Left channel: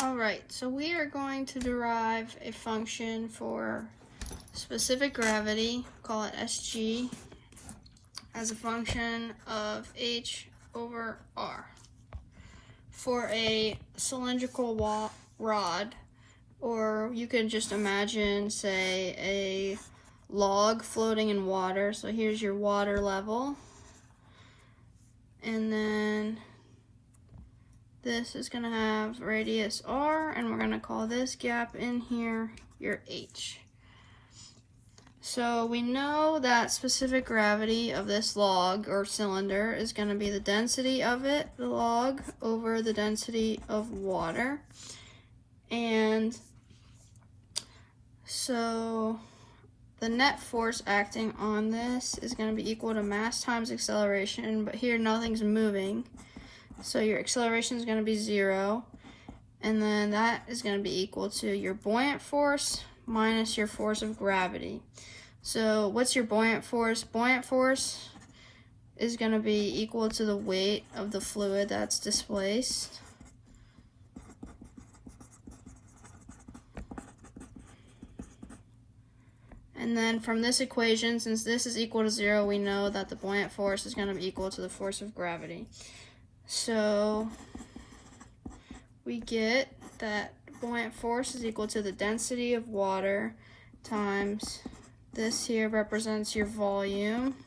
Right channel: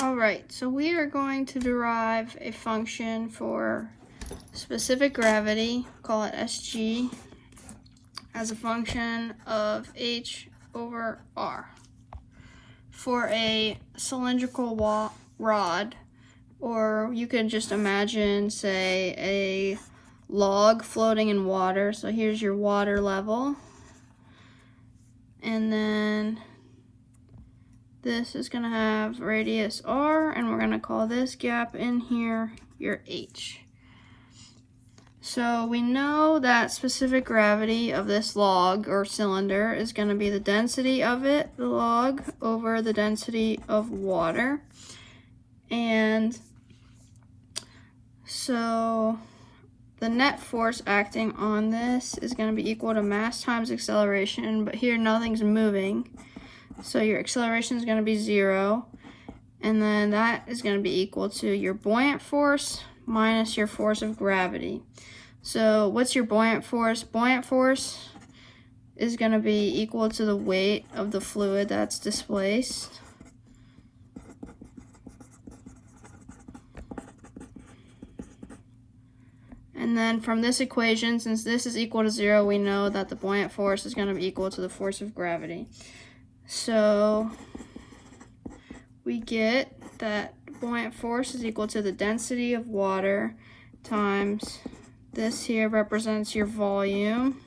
All right, so we are going to derive a function for specific gravity, call it SG, as a function of h over r for a cylindrical rod, or you could just imagine, say, a log floating in water. So here's your water level, and then this is going to have radius r, and we're going to call this gap in here your h. So we know that specific gravity of this log or cylinder is going to be the density of it, the log, over the density of water. And so the net force acting on this is going to be equal to mass times acceleration, but here nothing's moving. So your acceleration is going to be 0, and then that is going to be equal to your buoyant force minus your force of gravity. So what's your buoyant force? Buoyant force is going to be equal to the weight of the fluid that's displaced. And then from this equation, since this is equal to 0, we know that the buoyant force is going to be equal to the force of gravity. So we get that buoyant force is equal to the density of water times this here represents your volume.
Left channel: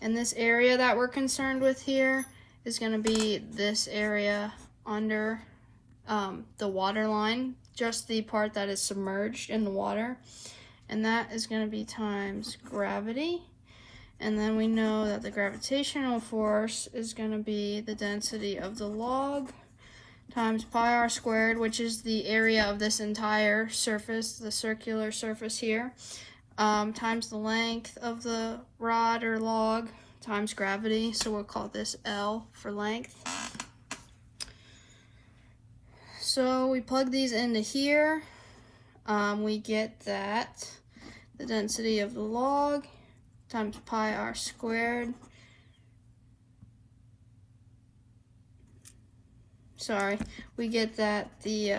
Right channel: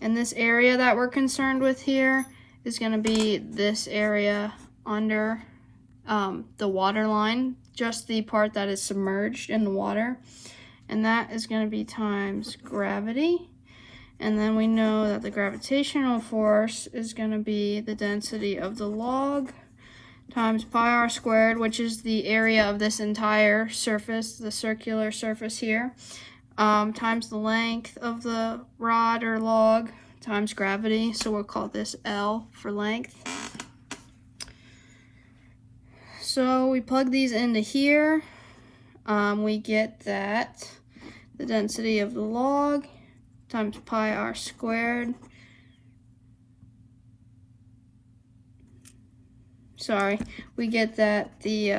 And this area that we're concerned with here is going to be this area under the water line, just the part that is submerged in the water. And that is going to be times gravity. And then we know that the gravitational force is going to be the density of the log times pi r squared, which is the area of this entire surface, the circular surface here, times the length of the rod or log times gravity. So we'll call this L for length. So we plug these into here. We get that the density of the log times pi r squared. We get that the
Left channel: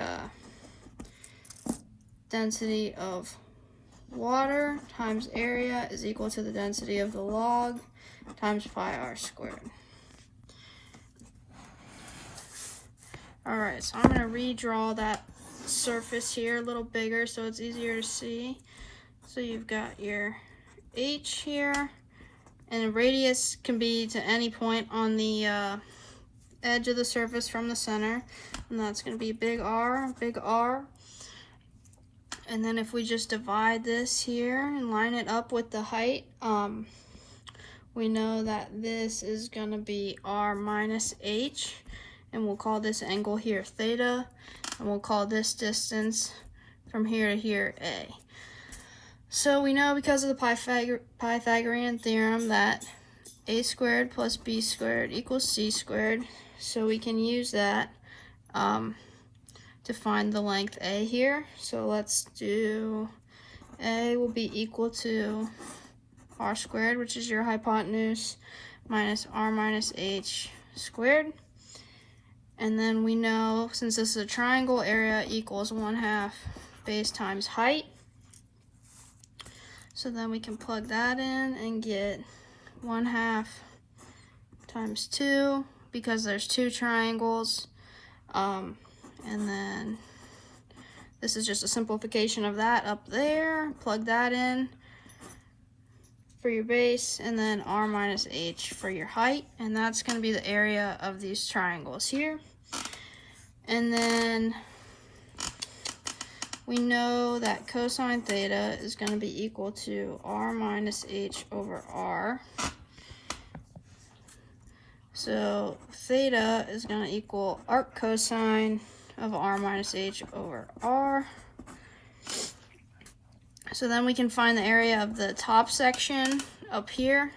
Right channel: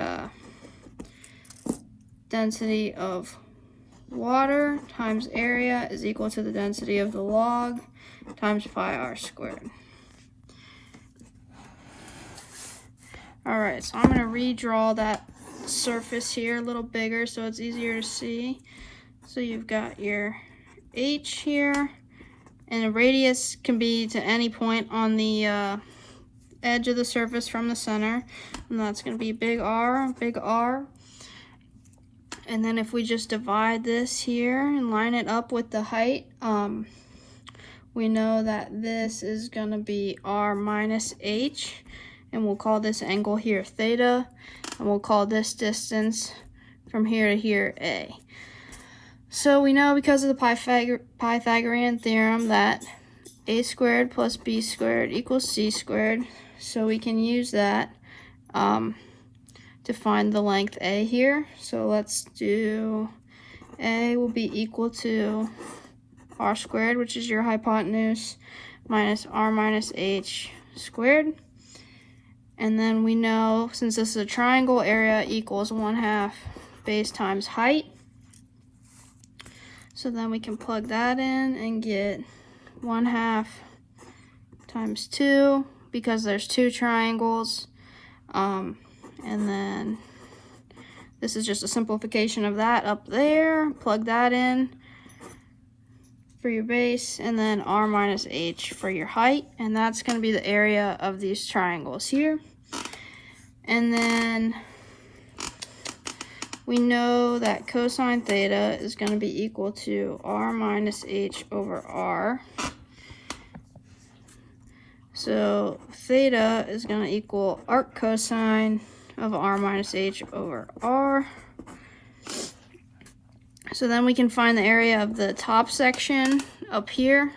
density of water times area is equal to the density of the log times pi r squared. Alright, so I'm going to redraw that surface here a little bigger so it's easier to see. So you've got your h here, and the radius can be to any point on the edge of the surface from the center, and that's going to be big R. And then if we just divide this here and line it up with the height, we know that this is going to be r minus h, and we'll call this angle here theta, and we'll call this distance from here to here a. So we know because of the Pythagorean theorem that a squared plus b squared equals c squared. So we can use that to find the length a here. So let's do a will be equal to r squared, which is your hypotenuse, minus r minus h squared. And then we know, since this is a triangle, area equals 1/2 base times height. So then we can plug that in and get 1/2 times 2, because there's 2 triangles. And then this is just a simplification of that up there. Plug that in for your base, and then r minus h for your height. And that's going to be the area of these triangles here. And then we know that cosine theta is going to be equal to r minus h over r. So theta is going to equal arc cosine of r minus h over r. So then we can find the area of the top section up here.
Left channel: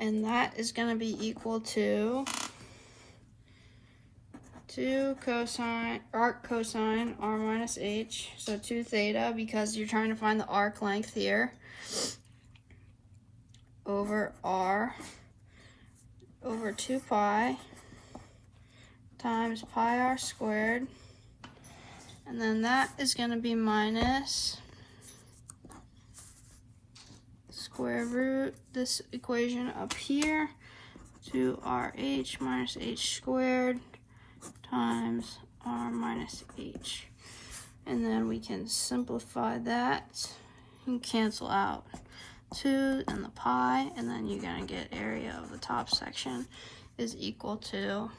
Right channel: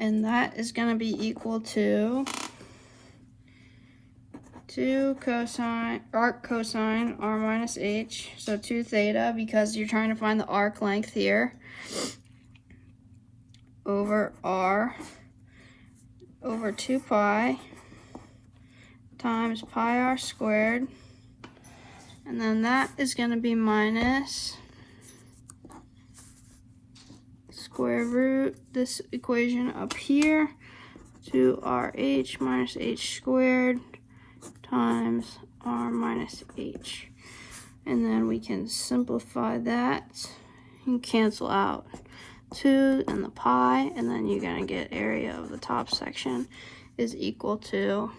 And that is going to be equal to 2 cosine, arc cosine r minus h, so 2 theta, because you're trying to find the arc length here, over r over 2 pi times pi r squared. And then that is going to be minus square root this equation up here, 2rh minus h squared times r minus h. And then we can simplify that and cancel out 2 and the pi, and then you're going to get area of the top section is equal to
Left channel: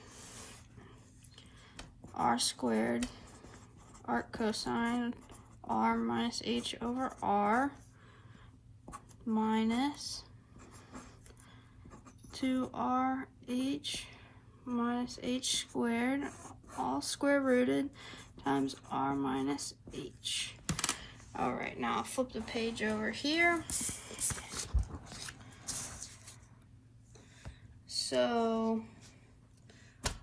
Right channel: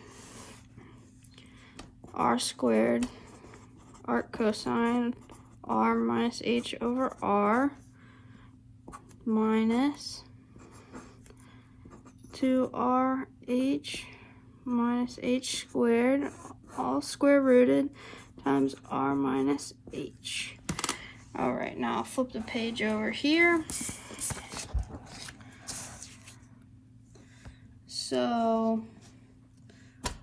r squared arc cosine r minus h over r minus 2rh minus h squared, all square rooted, times r minus h. All right, now I'll flip the page over here. So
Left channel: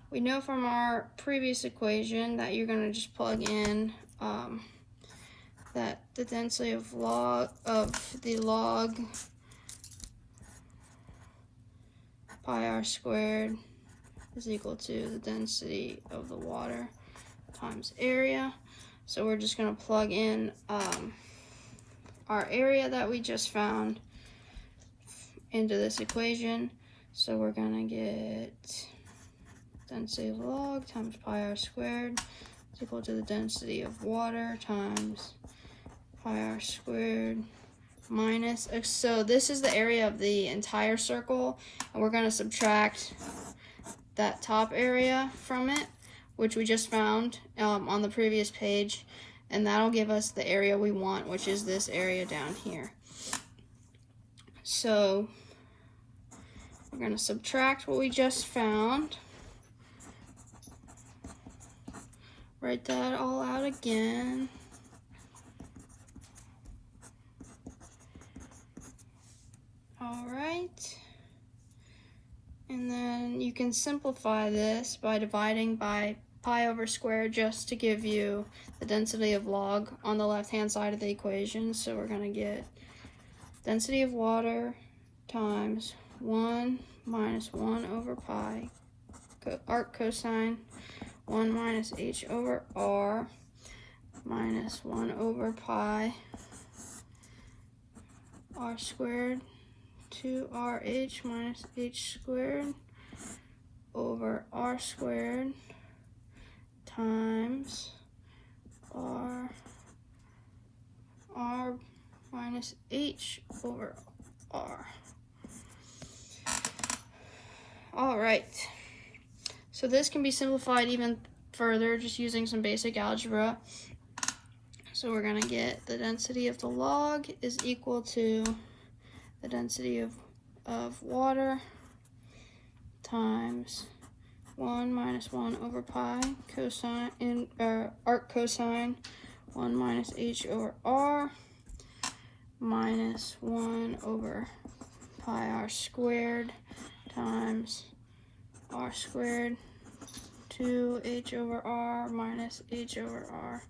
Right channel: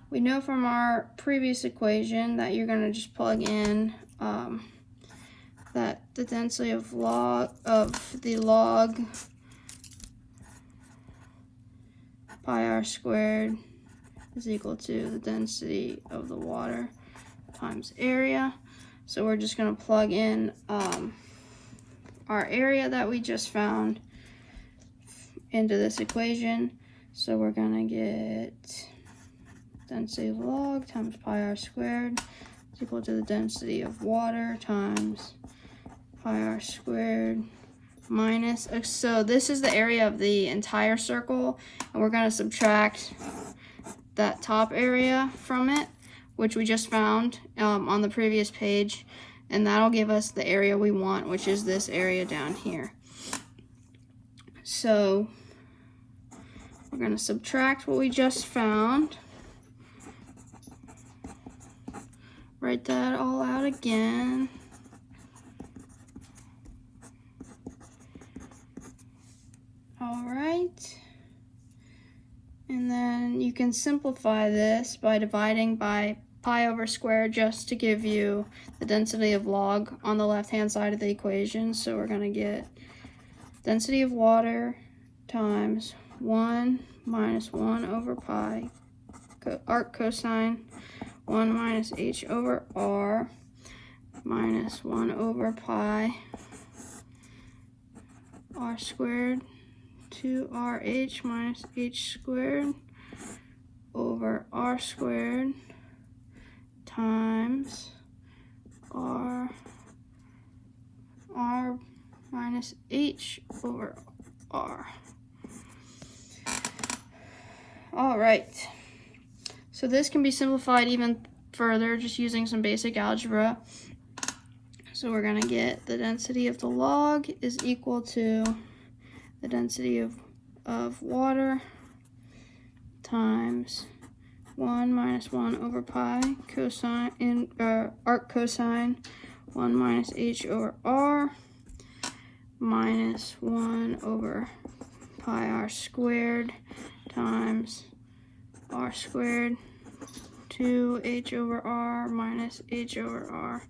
we know from our previous equation that you're going to just plug in that the density of the log pi r squared is equal to the density of the water times area. So we're just going to plug in our area that we just found into this equation. So we're going to get density of log times pi r squared is equal to the density of water times pi r squared minus, so this is the area of the entire circle, and we're going to subtract that top area from it, which we just found on the previous page, and that'll give us the area we want, which is this area down here. So we're going to subtract what we just found, write that all out again. Alright, and then you can simplify this by dividing by pi over square just to give you the density of log on the left hand side of the equation. So we're going to get density of water times 1 minus 1 over pi arc cosine 1 minus h over r minus 1 over pi r squared 2rh minus h squared over r squared times r minus h over r. All right, so this can be simplified even further just using some basic algebra. So we're going to get the density of the log is equal to the density of water times 1 minus 1 over pi cosine arc cosine 1 minus h over r minus 1 over pi r squared times r squared 2h over r minus h over r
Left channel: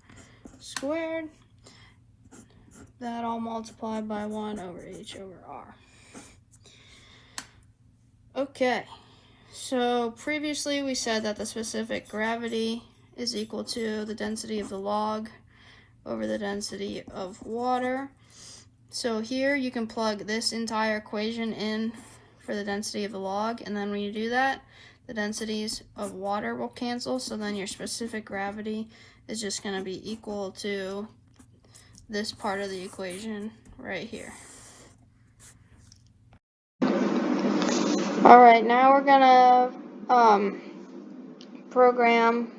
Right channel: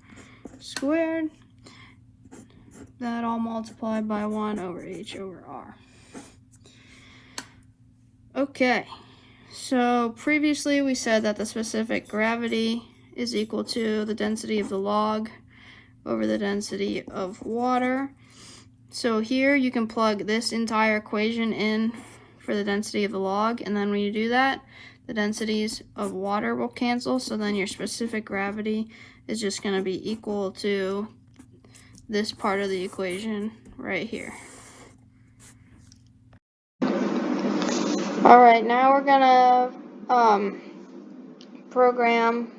squared. That all multiplied by 1 over h over r. Okay, so previously we said that the specific gravity is equal to the density of the log over the density of water. So here you can plug this entire equation in for the density of the log, and then when you do that, the densities of water will cancel, so then your specific gravity is just going to be equal to this part of the equation right here. Alright, now we're gonna program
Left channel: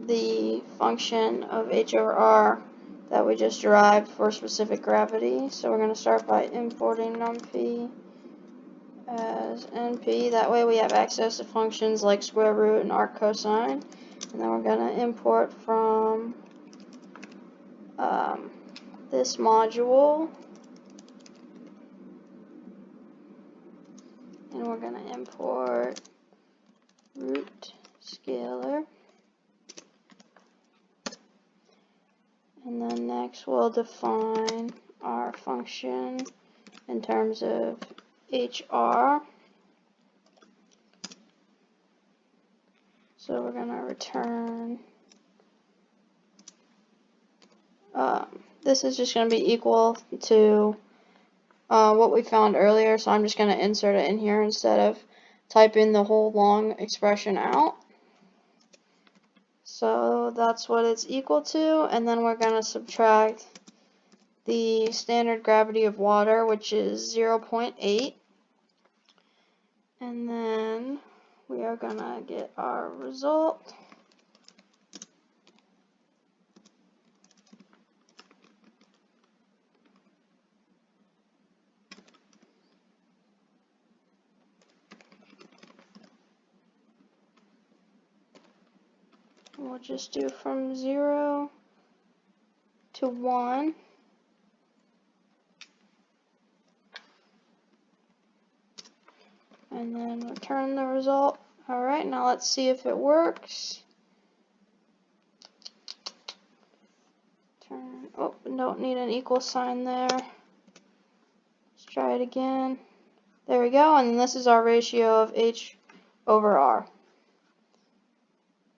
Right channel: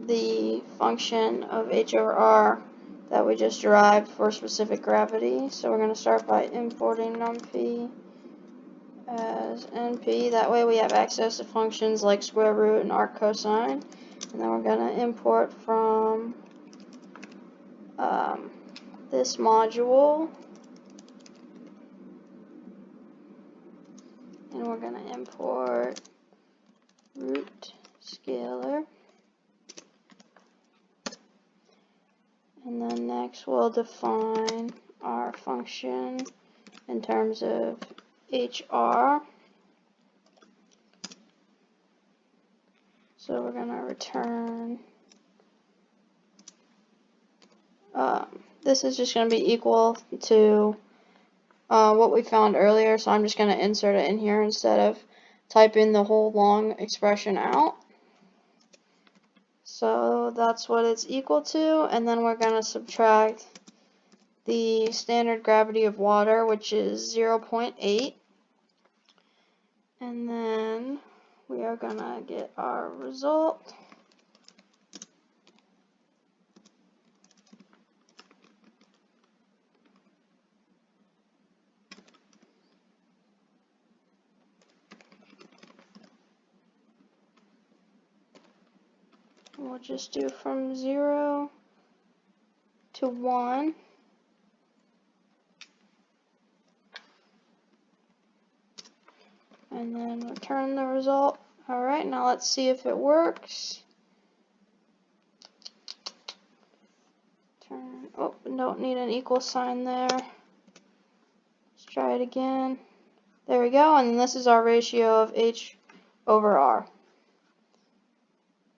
the function of h over r that we just derived for specific gravity. So we're going to start by importing numpy as np. That way we have access to functions like square root and arc cosine. And then we're going to import from this module. And we're going to import root scalar. And then next we'll define our function in terms of HR. So we're gonna return, this is just gonna be equal to what we found earlier, so I'm just gonna insert it in here instead of typing the whole long expression out. So that's what it's equal to, and then we're gonna subtract the standard gravity of water, which is 0.8, and then we are gonna get our result. We'll just do from 0 to 1. And then return the result. Alright, now let's see if it works. Oh, don't need an equal sign there. Let's try it again. There we go, and this is our ratio of H over R.